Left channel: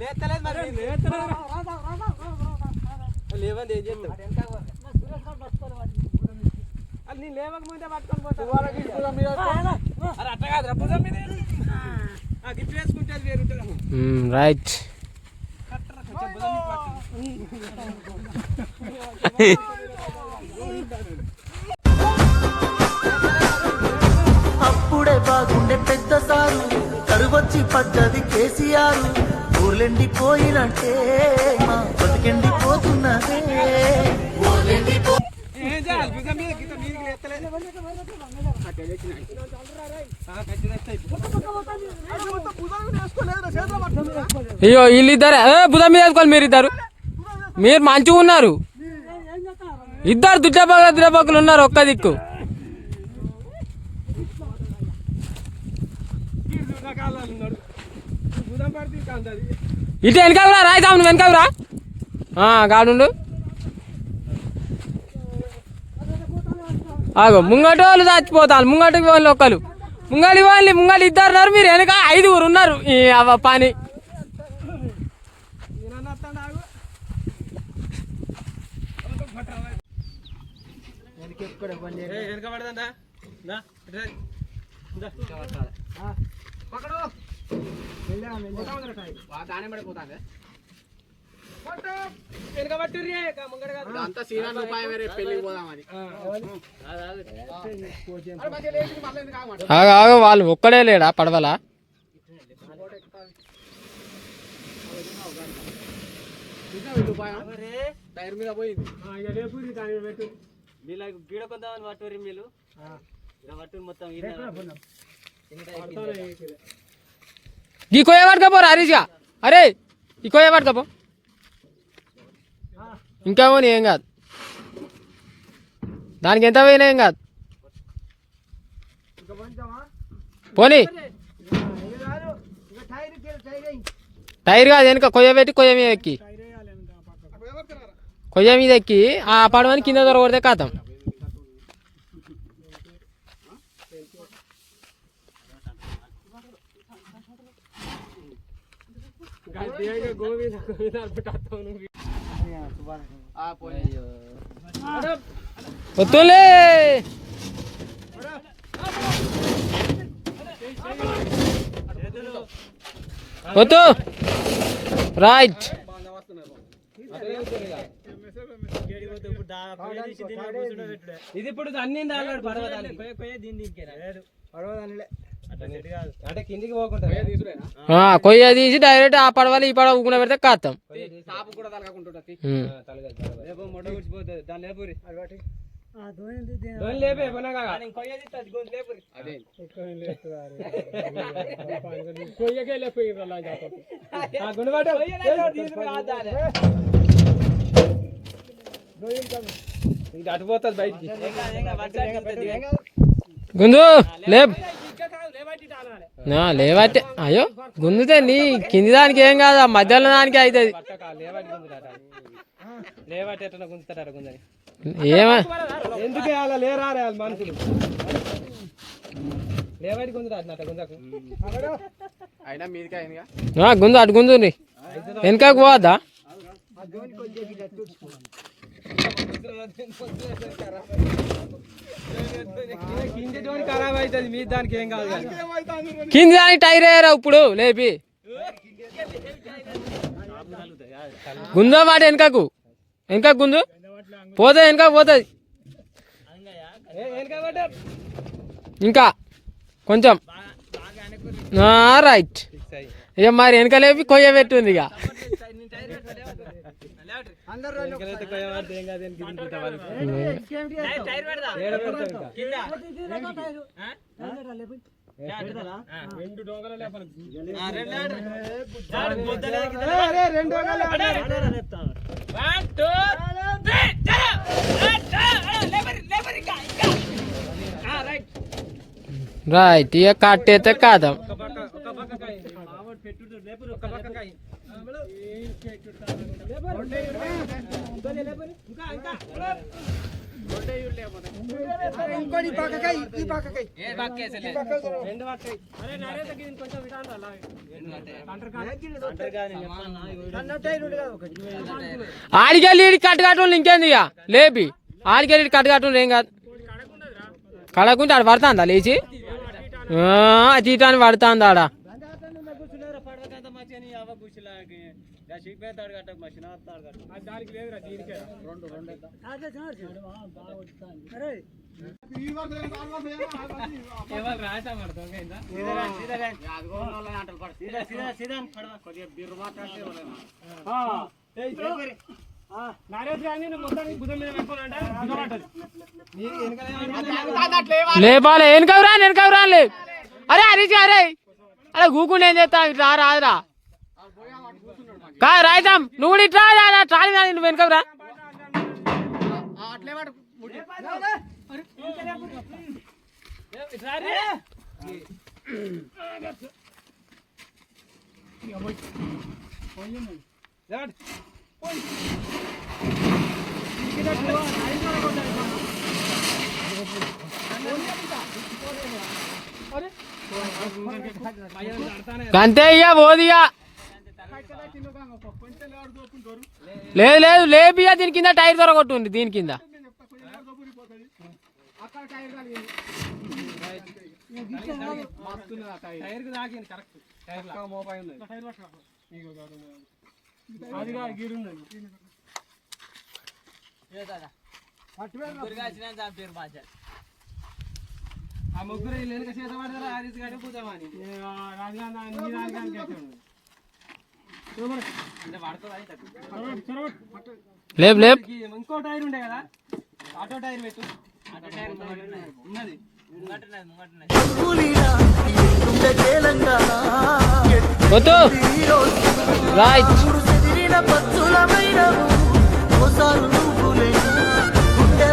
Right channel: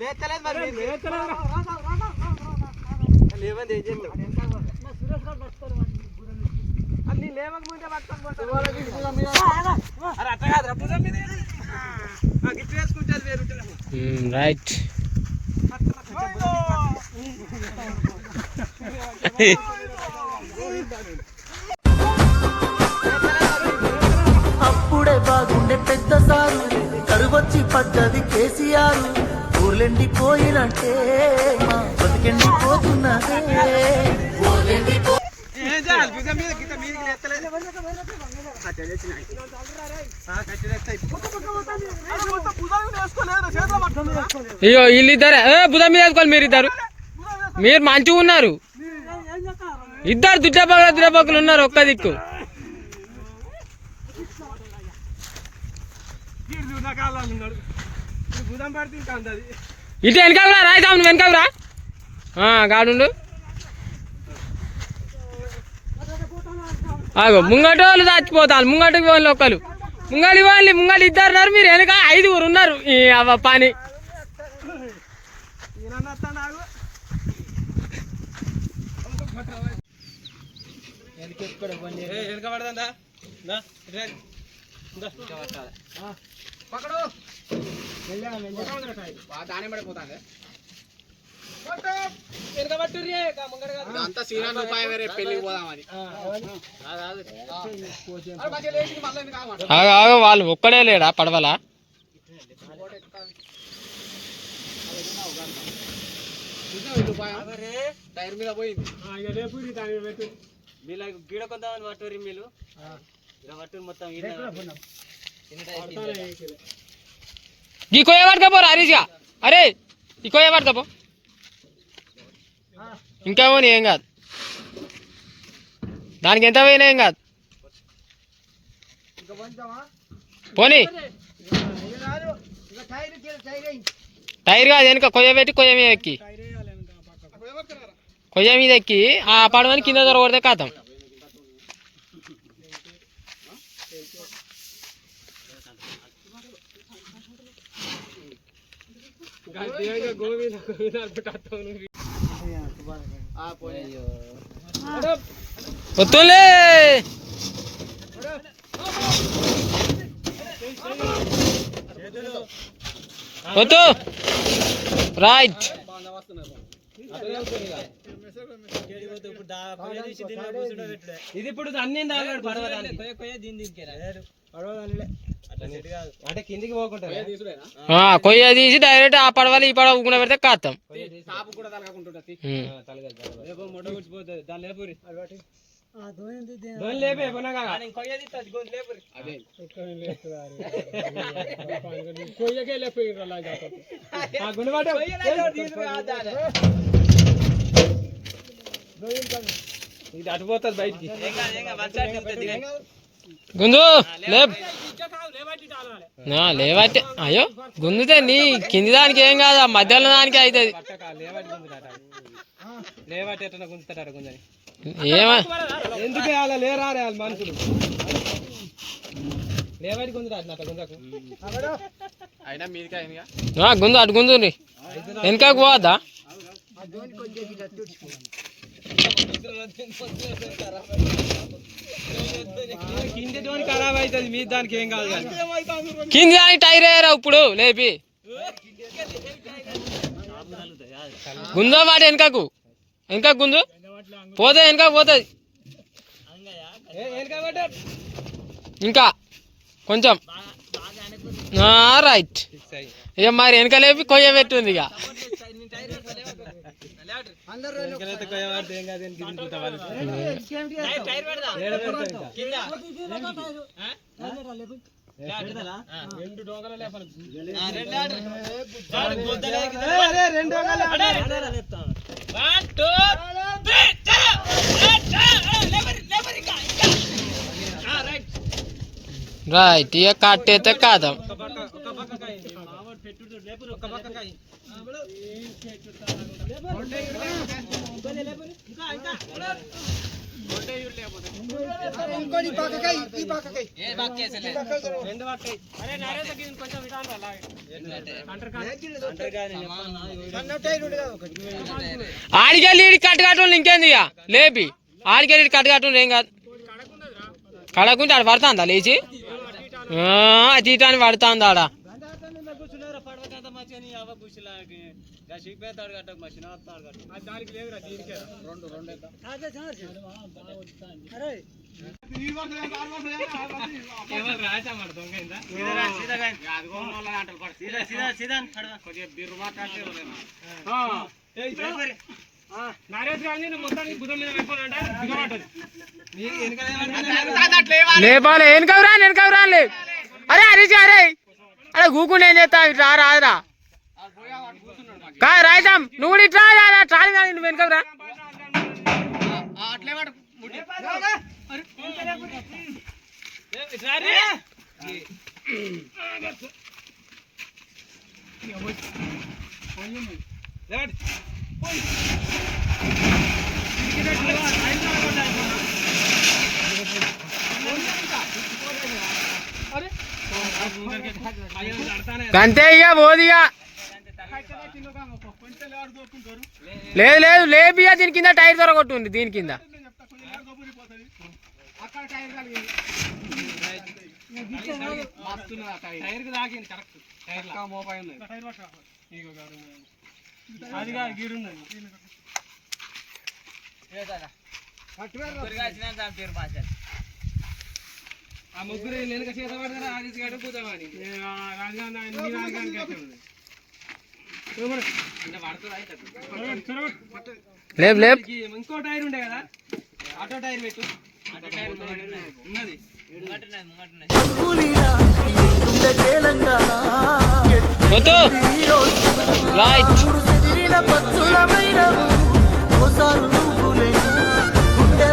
మరి లేవండి ఏం చేస్తావు? అది పట్టుకొని అరే అట్ట వేసుకుంటే అది వేరు. రైట్. అప్పుడే బాగుండే పెద్ద సారు. కరువొచ్చి పడ్డది కేసీఆర్. ఊర్లెండి పోయినంటే మా బతికెండి పోతున్నదే. అయ్యో వీళ్ళిద్దరే. బుధ మీద వేసుకోవాలి మీరు ఇద్దరు మీరు మంచిగా ఉన్నారు. ఇద్దరు దుడ్డపక్కల దుడ్డపక్కలు ఉన్నారు ఒక్క దిక్కు. తీరు నా కాళ్ళలో ఉన్నాడు. ఈ భుజం పడితే ఇంకా అందది. ఇటు వెనకాకురా రాయిదాము వెనకాకురా గాడుండు. ఆగో ముంగట వాళ్ళు చచ్చిపోతారు ముంగటికి వాళ్ళు ఒక్కరు ముంగడి వాళ్ళు ముంగడి ఇద్దరు ఉన్నారు మీరు వెనక ఐదుగురు ఉన్నారు ఈ అవ్వ పని. వెనక పడదండా? దా, ఇటు రా. ఇందా. ఆ, పక్కడు. కొట్ట ఉందిరా కాయ. కొట్టు. వెనక పట్టుర్రి, కా ముంగడ కాదు. ఆ, అవన్నీ. అరే, మంచిగా లేచింది, మళ్ళీ ఎందుకు ఆగమంటావు? ఆగో ఆగో వాళ్ళు ఒక్కడే లేడా పడవలా టైర్ మీద పోయింది వీళ్ళ గీడ కొందామని పట్టుర్రి మీరు ఇలా పట్టురు మొత్తం ఈ కొయ్య పట్టుకపో హరీష్గా అరే ఈ కొయ్య ఇంకా ఇంకేమో ఏం కాదు దానికి ఎంత పోయినా ఏం కాదు పోనీ టైర్ కాదు వెనుక కొయ్య పెట్టి కొయ్య మీద ఎక్కి కొయ్య మీద ఎక్కి ఆ పడవని కింద దొరకొడితే కాతాం ಗೋವಿಂದ ಗೋವಿಂದ ಅನ್ಬಿಟ್ಟು ಒತ್ತೋಲೆ ಒತ್ತು ರೈಟ್ ఇది. ఇప్పుడు అన్ని దాగాడు పడవదానికి అంటే కిందికి పోకుండా ఆ, కొయ్య తీసి డైరెక్ట్ ఆ పడవలు ఈ పడవ ఊకున పెడితే కాతాం సాపు కూడా ఇది అటు పోతుంది బయటికి గుంజు లేప్. లేవైతే అయ్యో గుంజుతే నీ కింది దానికి ఏం కాదు ఆ మధ్యలో దానికి అవుతుంది గుంజని ఏమ ఎందుకు అలా లేరా మనుషులు? గుంజకు. అయినా మీదికి గుంజు అటు గుంజు వెనకకు పోవద్దా? కింద ఖరాబ్ అవుతుంది మీ దానికి ఏం కాదు కింద దానికి టైర్ వేయరా ఇప్పుడు? లేపి. గుంజా వాటి వెనకకు. వెనక గుంజు. పోతుంది వెనక పోతుంది ఇంకా కొంచెం. రైట్ ఇక మరి వెనక లేపి కొయ్య పెట్టుంది ఇక వెనకలైతే కొయ్యబడితే ఏం కాదు, వెనక్కి దింపుతా వాళ్ళు. ఏడ పెడతారు ఇంకా? రెండు డోంగలు లేపాలి. రెండు డోంగలు సన్నట్టు రెండు కాదు ఒకటి ఆడికెళ్ళి ఈడి కట్టు కట్టడం ఇంకేంది ఇక? లేపి. ఆడికెళ్ళి ఈడి కట్టు కట్టడం ఏం కాదు. కడకుంటే ఆడ పడుతుందా లేచి? తీటాన్ని పడుతుంది ఆడ కొద్దిగా బిర్రు మాట్లాడితే లేపాలి వెనకవురా వెనకవురా లే అరే హరీష్ అరే అరే కూకుండా ఏం చేస్తా ఇట్లా రా రాదురా కా రాయితాం నువ్వు కూడా ఇట్లా రా ట్రాలి కానీ నువ్వు వెనకవురా అంతే ఇక పోదిగా లేదు లేదు లేపియా దీని కింద టైర్ దొరకొట్టుంది దీని కింద. టైర్. కి తాకింది కరెక్ట్. టైర్ మోపాయి అదిగా గీడుందండి ఆ ముగ్గురు వెనుక చేత పడతారా? ఆదిత్య గారు పూతమని లేపు లేపు. ఇంకో టైర్ ఉండే కదా? ఆటో టైర్ పెట్టు. ఆటో టైర్ ఉన్నది. కూలీలా ఉండే తెలంగాణ పక్షులమైన పక్షులమైన ఓసారు నువ్వులే గుండె